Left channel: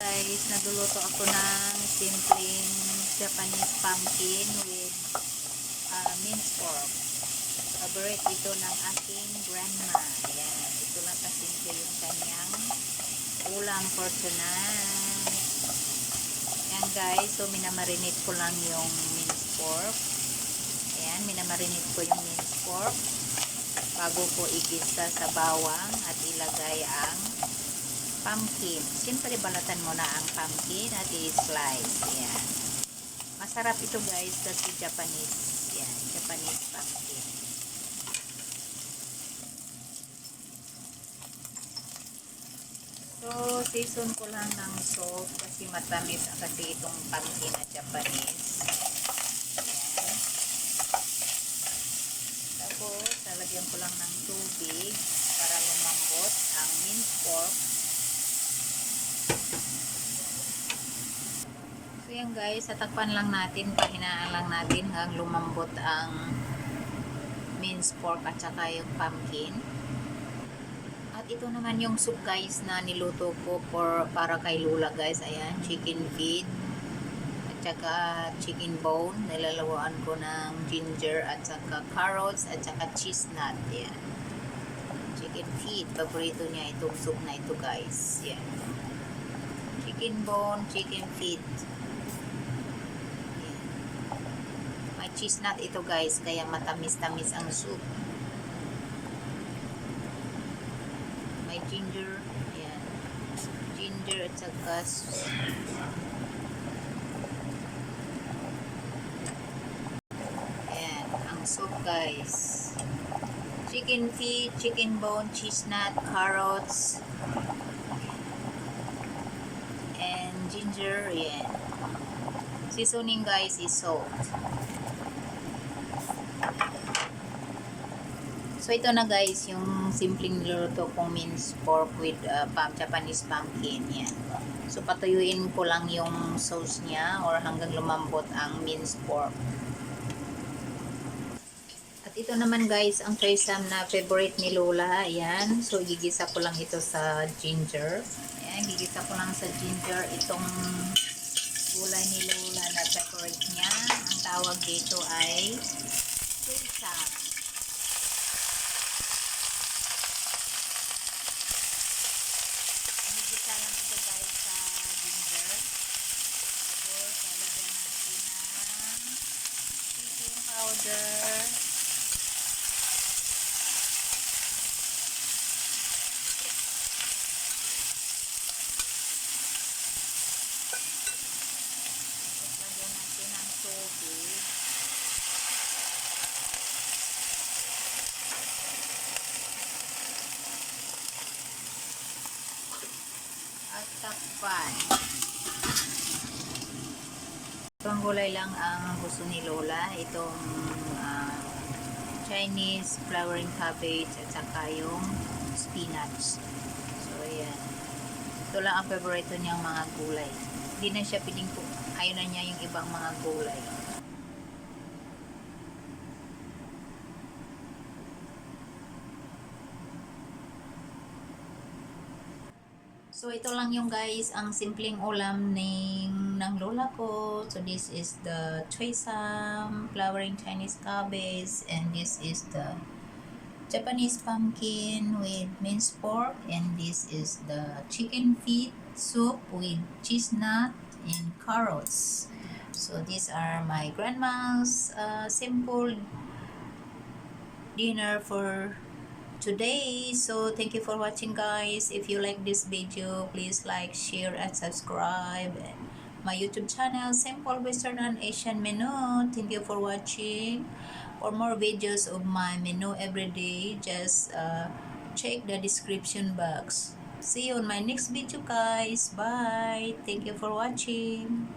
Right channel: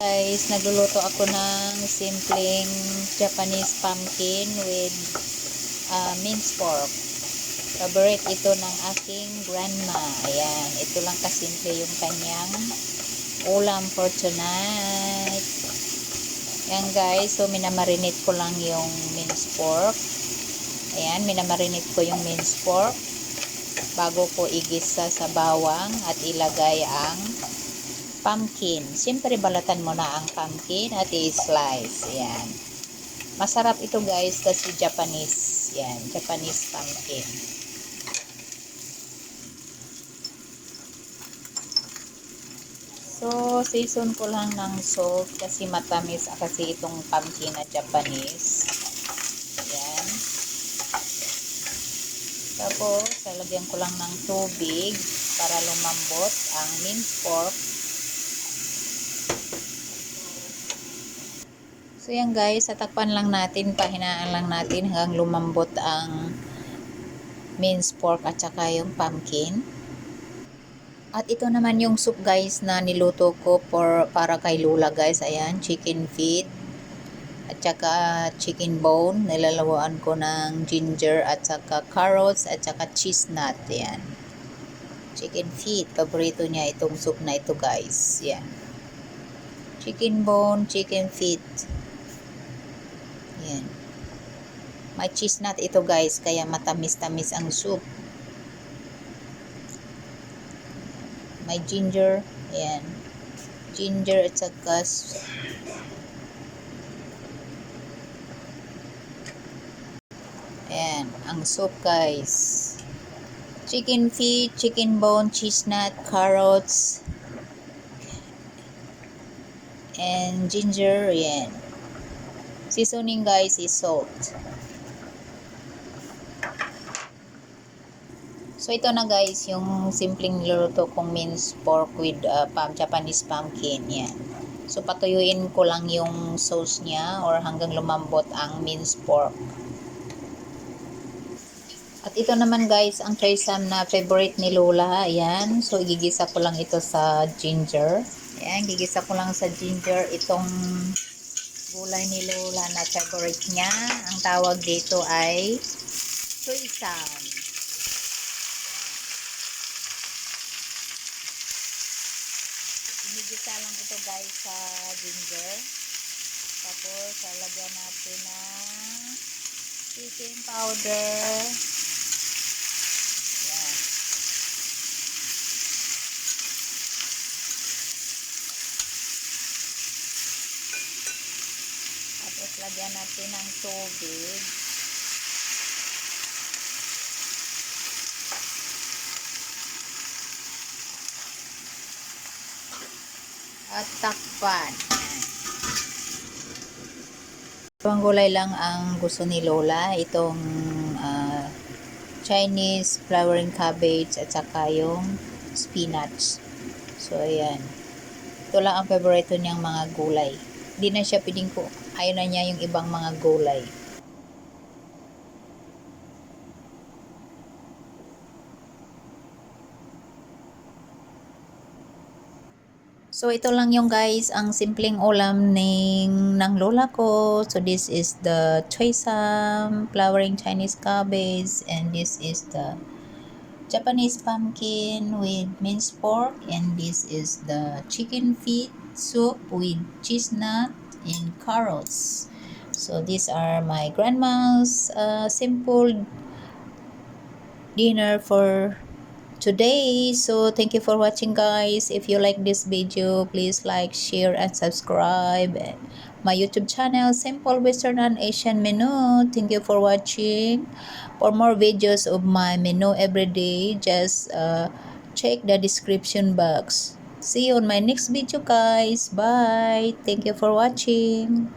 Guys, nagluluto ako ng simpleng Japanese pumpkin with minced pork. Favorite ito ng aking grandma. Ayan, ito lang kasimple yung kanyang ulam for tonight. Ayan guys, so minamarinate ko lang yung minced pork. Ayan, minamarinate ko yung minced pork bago ko igisa sa bawang at ilagay ang pumpkin. Siyempre, balatan mo na ang pumpkin at i-slice. Yan. Masarap ito guys kasi Japanese. Yan. Japanese pumpkin. So, season ko lang ng salt kasi matamis kasi itong pumpkin na Japanese. Yan. Tapos, lalagyan ko lang ng tubig para lumambot ang minced pork. So yan guys, tatakpan lang natin, pahinaan lang natin hanggang lumambot ang minced pork at saka yung pumpkin. At ito naman yung soup guys na niluto ko para kay Lula guys. Ayan, chicken feet at saka chicken bone. Nilalawaan ko ng ginger at saka carrots at saka cheese nut. Ayan. Chicken feet, paborito niya itong soup na ito guys. Yan. Chicken bone, chicken feet. Yan. May cheese nut ito guys, kaya matamis-tamis ang soup. May ginger, ayan. Ginger at saka ayan, ang soup guys. Chicken feet, chicken bone, cheese nut, carrots, and ginger, ayan. Seasoning guys is salt. So ito na guys yung simpleng niluto kong minced pork with Japanese pumpkin. Yan. So patuyuin ko lang yung sauce niya or hanggang lumambot ang minced pork. At ito naman guys ang trisam na favorite ni Lola. Ayan. So igigisa ko lang ito sa ginger. Ayan. Gigisa ko lang sa ginger itong gulay ni Lola na favorite niya. Ang tawag dito ay trisam. Inigisa lang ito guys sa ginger. Tapos lalagyan natin ng chicken powder. Yan. Tapos lagyan natin ng tubig. At takpan. Itong gulay lang ang gusto ni Lola. Itong Chinese flowering cabbage at saka yung spinach. So, ayan. Ito lang ang favorito niyang mga gulay. Hindi na siya pwedeng ayaw na niya yung ibang mga gulay. So, ito lang yung guys, ang simpleng ulam ng lola ko. So, this is the choy sam, flowering Chinese cabbage, and this is the Japanese pumpkin with minced pork, and this is the chicken feet soup with cheese nut and carrots. So, these are my grandma's simple dinner for today. So thank you for watching guys. If you like this video, please like, share, and subscribe my YouTube channel, Simple Western and Asian Menu. Thank you for watching. For more videos of my menu every day, just check the description box. See you on my next video guys. Bye. Thank you for watching.